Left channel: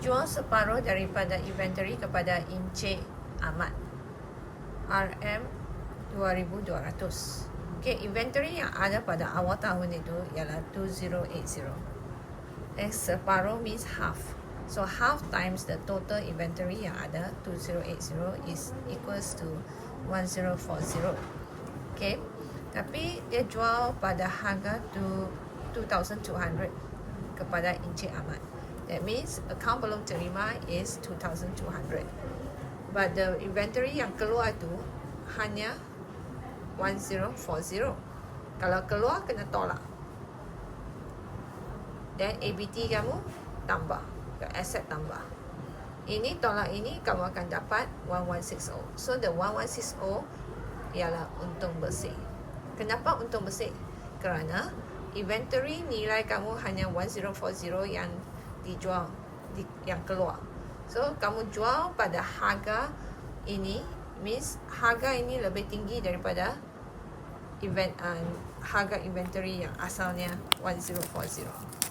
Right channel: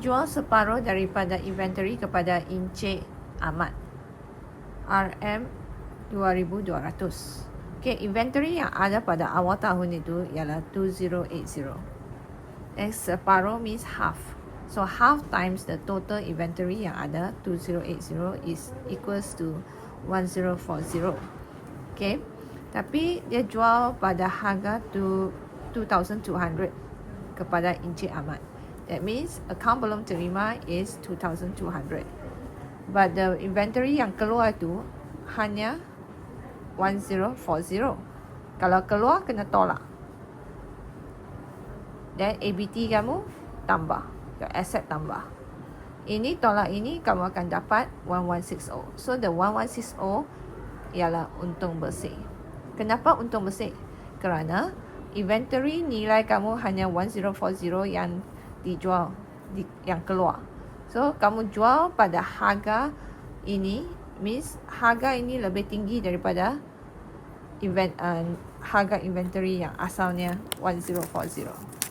jual separuh daripada inventory kepada Encik Ahmad. RM 2200. Okey, inventory yang ada pada awal tahun itu ialah 2080. X separuh means half. So half times the total inventory yang ada 2080 is equals to 1040. Okay. Tapi dia jual pada harga tu 2200 kepada Encik Ahmad. That means account belum terima is 2200. But the inventory yang keluar tu hanya 1040. Kalau keluar kena tolak. Dan ABT kamu tambah. The asset tambah. Ini tolak ini kamu akan dapat 1160. So the 1160 ialah untung bersih. Kenapa untung bersih? Kerana inventory nilai kamu hanya 1040 yang dijual di, yang keluar. So kamu jual pada harga ini means harga ini lebih tinggi daripada invent, uh, harga inventory yang asalnya 1040.